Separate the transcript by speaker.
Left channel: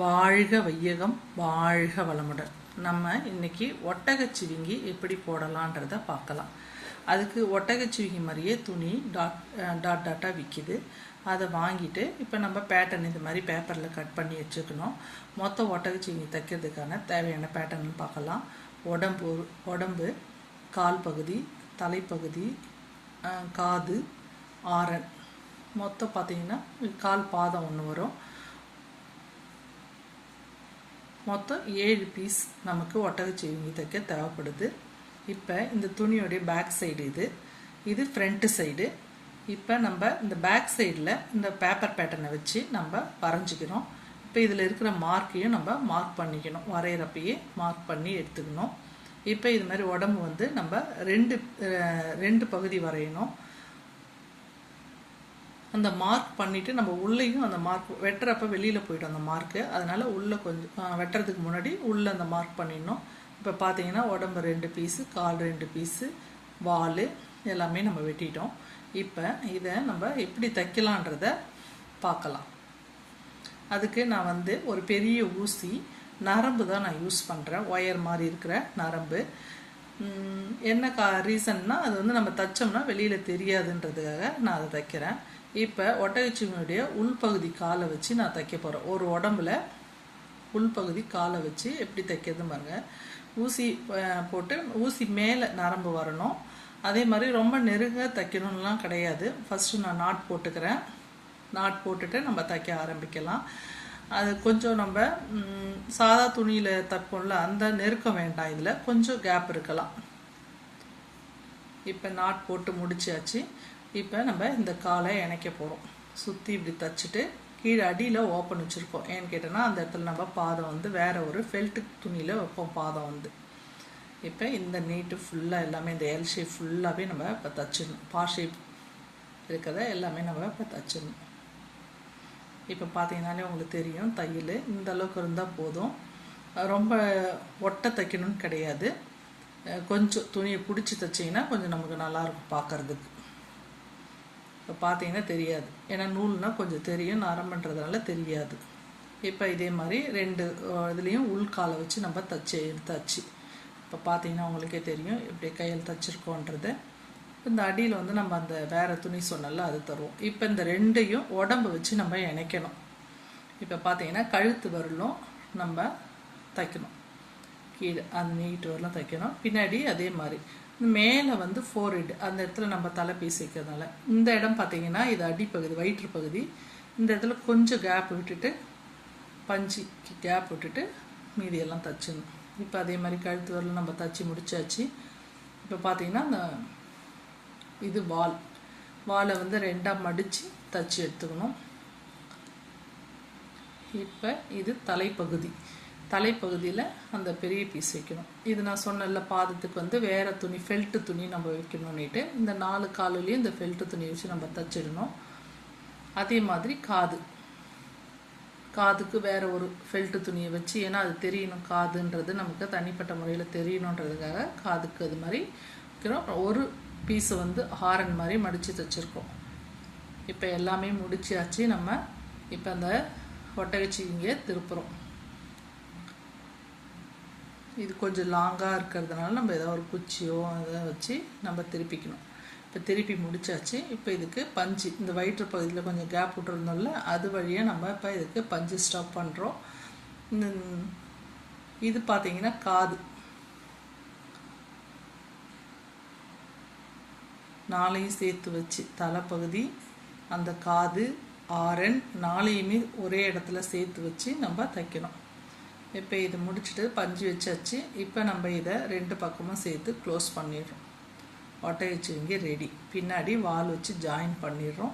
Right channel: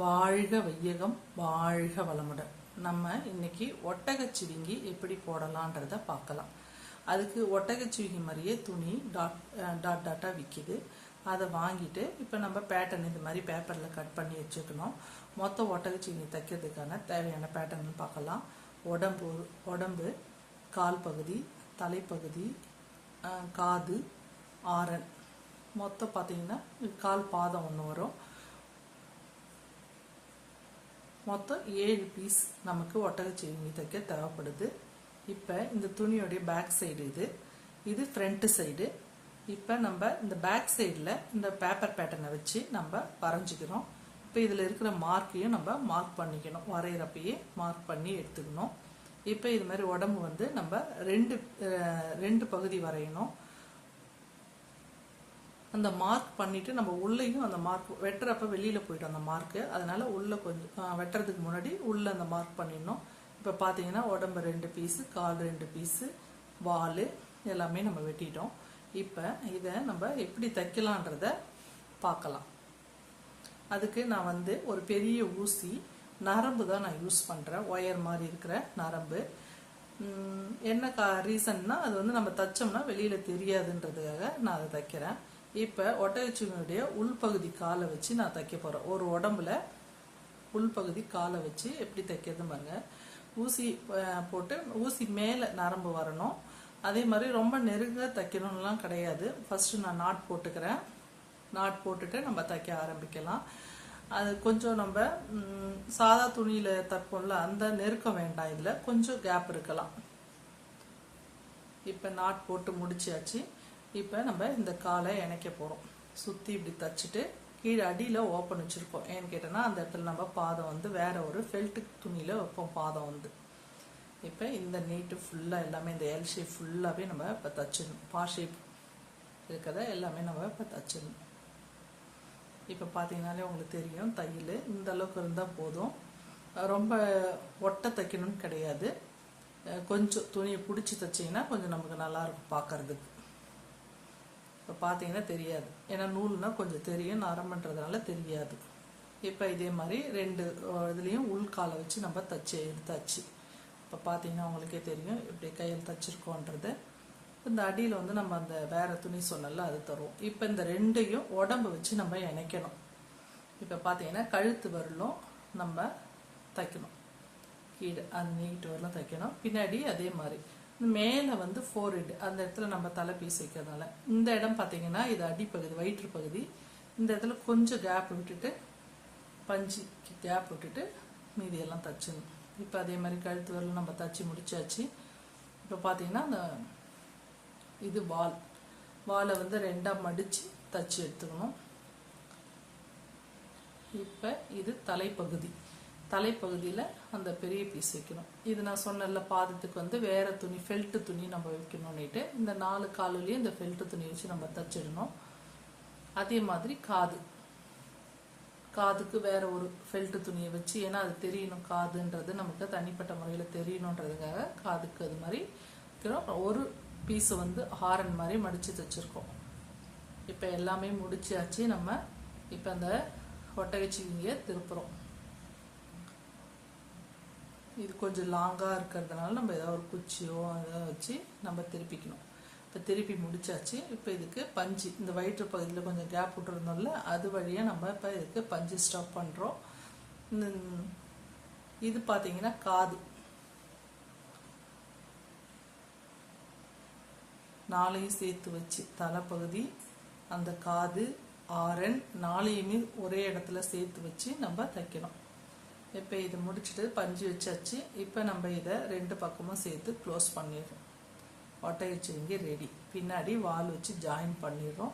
Speaker 1: வாழ்க வையகம் வாழ்க வளமுடன். நம்ம இன்னைக்கு ஒட்டகச்சிவிங்கி எப்படி போடலான்றத பார்க்கலாம். அதுக்கு ஒட்டகச்சிவிங்கி மாதிரியே துணி டாட் டாட் டாட்டாக விற்கிது அதை வாங்கிட்டு இப்போ நம்ம பேட்டர்ன் இந்த மாதிரி பேப்பரில் கட் பண்ணி வச்சுக்கணும். மொத்த ஒட்டகச்சிவிங்கி தைக்கிறதுக்கான தேவையான பேட்டர்ன் பார்க்கலாம். உடம்பு உடம்பு கால் பகுதி தலைப்பகுதி காது ஆரன். மொத்தம் பார்த்தீங்கன்னா கால் பாதம் ஒன்று வரும். மொத்தம் ஏழு பீஸ் நமக்கு ஒட்டகச்சிவிங்கி தைக்க தேவைப்படுது. இப்போ இந்த துணியோடைய பேக் சைடு இது. இது ஃப்ரண்ட்டு சைடு இப்போ நம்ம இந்த பேக் சைடில் இந்த பேப்பர் பேட்டர்னை வச்சு நம்ம வரைஞ்சிக்கிறோம் இப்போ இதில் இருக்கிற மார்க்கையும் நம்ம மார்க் பண்ணிக்கணும். வரைகிறப்பயே மார்க் பண்ணி எடுத்துக்கணும். இப்போ இது மாதிரி உடம்பு வந்து நம்ம ரெண்டு ரெண்டு பகுதி வரையணும். அந்த மார்க் பண்ணிட்டு நம்ம உள்ளேயும் அந்த மார்க் வெட்டுறப்ப வெளியில் போயிடும் அந்த மார்க்கு அதனால உள்ளே கொஞ்சம் வெட்டுறதுக்கு முன்னாடி உள்ளே அந்த மார்க் பண்ணிடணும். இப்போ பார்த்தீங்கன்னா உடம்பு ரெண்டு பீஸு கால் ரெண்டு பீஸு வால் எல்லாமே நம்ம வெட்டிட்டோம். இப்போ இதை நம்ம எப்படி தைக்கலான்றத பார்க்கலாம் அதுக்கு நான் வந்து ஒரு பெரிய ஊசி நரம்பு தான் நான் யூஸ் பண்ணுறேன் ஒயர் மாதிரி இருக்கிற நரம்பு. என்ன கா ரீசன்னா அது வந்து நம்ம தைச்சோம்னா வெளியில் தெரியாதுன்றதுக்காக நான் அதை தைக்கிறேன். இப்போ ஒட்டகச்சிவனுடைய உள்பகுதி காலை வச்சு நான் தைக்க போகிறேன் ஒரு உடம்புல உள்பகுதி காலை வச்சு எப்படி தைக்கிறது பாருங்க. ஊசி போட்டு ஊசி மேலே நரம்பு வரணும். அதே மாதிரி ரொம்ப நெருங்க தைக்கணும்லாம் கிடையாது. ஃபஸ்ட்டு நான் நாட் போட்டுக்கிறேன். நாட் போட்டுட்டு நம்ம தைக்க ஆரம்பிக்கலாம். அது கொஞ்சம் நம்ம சாதா துணியில் தைப்போம்ல அந்த நெருக்கம் வேண்டாம். இதில் கொஞ்சம் கேப் இருக்கலாம். இப்போ நாட் போட்டு முடிச்சாச்சு. இப்போ நம்ம இந்த காலை இணைக்க போகிறோம் சுற்றி இப்படி தச்சுட்டு கீழே அடியில் ஓப்பன் வச்சுருக்கோம். ஏன்னு கேட்டோன்னா அந்த இடத்துல நம்ம பாதம் வந்து வேறு ஒரு ஃபெல்ட்டு துணியில் வைப்போம் பாதம் வந்து. இப்போ இந்த நீட்டு ஃபுல்லாக எல்லாமே இந்த எல் ஷேப் ஃபுல்லாகவே நம்ம இப்போ தச்சிடணும். பா ஷேப் இருக்கிறத எல்லாமே நம்ம இப்போ தச்சிடணும். இப்போ பார்த்தீங்கன்னாலே உங்களுக்கு தெரியும் தையல் இந்த அளவுக்கு இருந்தால் போதும். ரொம்ப ஒட்டை தைக்கணும்னு கிடையாது. கொஞ்சம் துணியை பிடிச்சி தைச்சிங்கன்னா கொஞ்சம் நமக்கு நல்லாயிருக்கும் பார்க்கறதுக்கு இப்போ பார்த்தீங்கன்னா தெரியாது. ஏன்னா நூல்னால் கொஞ்சம் தெரியும் நரம்புன்றதுனால தெரியாது. இப்போ இதே மாதிரி ரெண்டு இதுலேயும் உள்காலை வச்சு நம்ம தச்சு எடுத்தாச்சு. இப்போ பார்த்தீங்கன்னா உங்களுக்கே தெரியும் எப்படி கையில் தச்சிருக்கோன்றது. இந்த அடியில் வந்து நம்ம அந்த வேறு துணி சொன்னல அது தருவோம். இப்போ இந்த ரெண்டையும் உடம்பு வச்சு நம்ம இணைக்கணும். இப்போ பார்த்தீங்கன்னா கழுத்து வரலும் நம்ம தைக்கணும். கீழே அந்த நீட்டு வரலும் தைக்கணும். பின்னாடி அதே மாதிரி மேலே வந்து ஃபோர் ஹெட் அந்த இடத்துல நம்ம தலை வைக்கிறதுனால இந்த இடம் பார்த்தீங்கன்னா இது அடிப்பகுதி வயிற்று பகுதி. இந்த இடத்துல கொஞ்சம் கேப் விட்டுட்டு பஞ்சு கேப் விட்டுட்டு மீதியெல்லாம் தச்சிடணும் இப்போ அதே மாதிரி கழுத்து வரலாம் நம்ம தச்சு முடிச்சாச்சு. இப்போ பார்த்தீங்கன்னா அந்த இது வால். வாலை வந்து ரெண்டாக மடித்து தச்சு எடுத்துக்கணும். இப்போ இது தலைப்பகுதி. தலைப்பகுதியில் அந்த பெரிய பீஸ் வைக்கணும். இது நான் சொன்னல பாதத்துக்கு வந்து வேறு துணி ஃபெல்ட்டு துணி நம்ம வைக்கணும்னுட்டு. இந்த நாலு காலுலேயும் இந்த ஃபெல்ட்டு துணி வச்சு நம்ம தச்சிடணும். அதே மாதிரி காது. காதுக்கு வேறு ஒரு ஃபெல்ட்டு துணியை வச்சு ஏன்னா அது தெரியணும் காதுன்றது நமக்கு தனிப்பட்ட முறையில் தெரியணுன்றதுக்காக காதுக்கு அது மாதிரி வைக்கிறோம். ஒரு பீஸை வந்து ஹாரன் மாதிரி மடித்து தைச்சிருக்கோம். இப்போ எல்லாமே முடிச்சாச்சு நம்ம. இப்போ அந்த ஒட்டகச்சி இங்கே திருப்புறோம். இது கொஞ்சம் லாங்காக இருக்கிறதுனால நம்ம ஏதாவது ஒரு குச்சியோ அதை வச்சு நம்ம திருப்பிக்கணும். இப்போ திருப்பி முடிச்சாச்சு. இப்போ இதுக்கு பஞ்சு. இந்த வயிற்று பகுதியில் கொஞ்சம் கேப் விட்டுருந்தோம்ல அது வழியாக நம்ம இப்போ இதுக்கு பஞ்சு ஸ்டாப் பண்ணுறோம் இந்த இது பார்த்தீங்கன்னா காது. நாளையும் சேர்த்து வச்சு தலைப்பகுதி அந்த காது ஆரன் நாளையுமே ஒரே இடத்துல சேர்த்து வச்சு நம்ம தைக்கணும். இப்போ இது முடிச்சுட்டு பஞ்சு வச்சாச்சு. இப்போ நம்ம இதை ரெண்டு பக்கமும் சேர்த்து க்ளோஸ் பண்ணிடுறோம். ஒட்டை வச்சு இங்கே ரெடி பின்னாடி வால் வச்சு ஜாயின் பண்ணிடுறோம்.